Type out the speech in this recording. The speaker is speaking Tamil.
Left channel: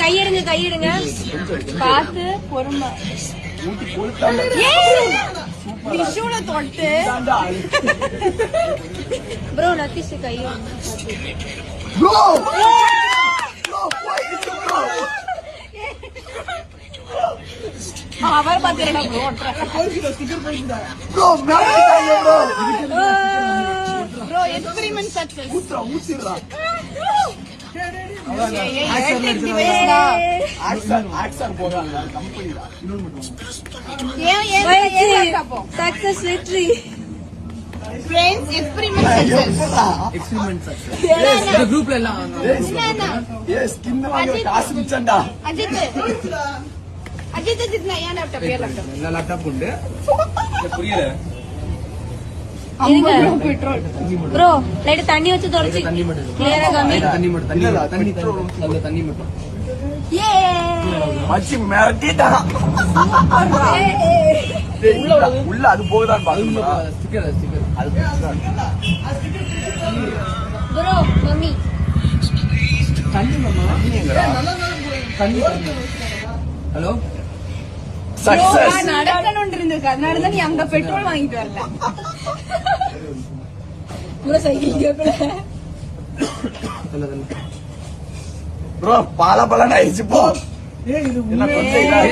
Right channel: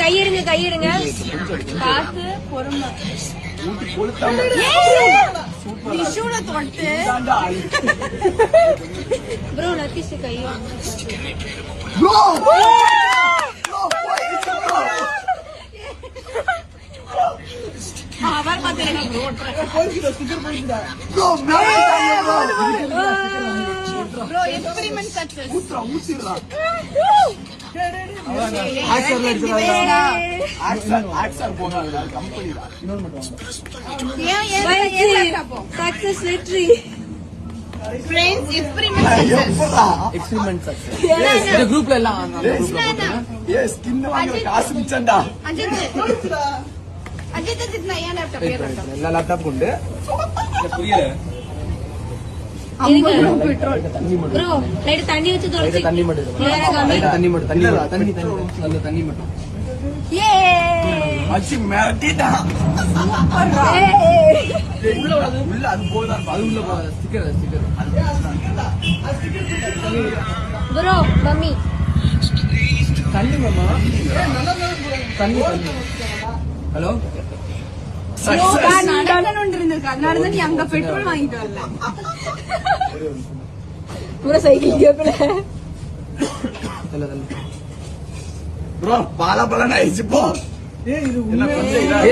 கையிருங்க கையிருங்க ப்ரோ நத்திஷ் கையிருங்க சக்சஸ் வெற்றி குரூப்ல எல்லாம் காசு மிச்சண்டா எல்லா லேப்டாப் கொண்டு புரியல ப்ரோ லைட் தண்ணி வச்சு தொலைச்சு தண்ணி மட்டும் தண்ணி மட்டும் தண்ணி தண்ணி தண்ணி மட்டும் மச்சி மிரட்டிட்டான் உள்ள அது போகுதான் ஸ்டிக்கர் ஸ்டிக்கர் ப்ரோ மம்மி தண்ணி மாமா தண்ணி ஹலோ சக்சஸ் நடந்து நீ அங்க பெட்ரோல் வாங்கிட்டு வரல ப்ரோ சைக்கிள் ப்ரோ பல ஆயிடுச்சு போ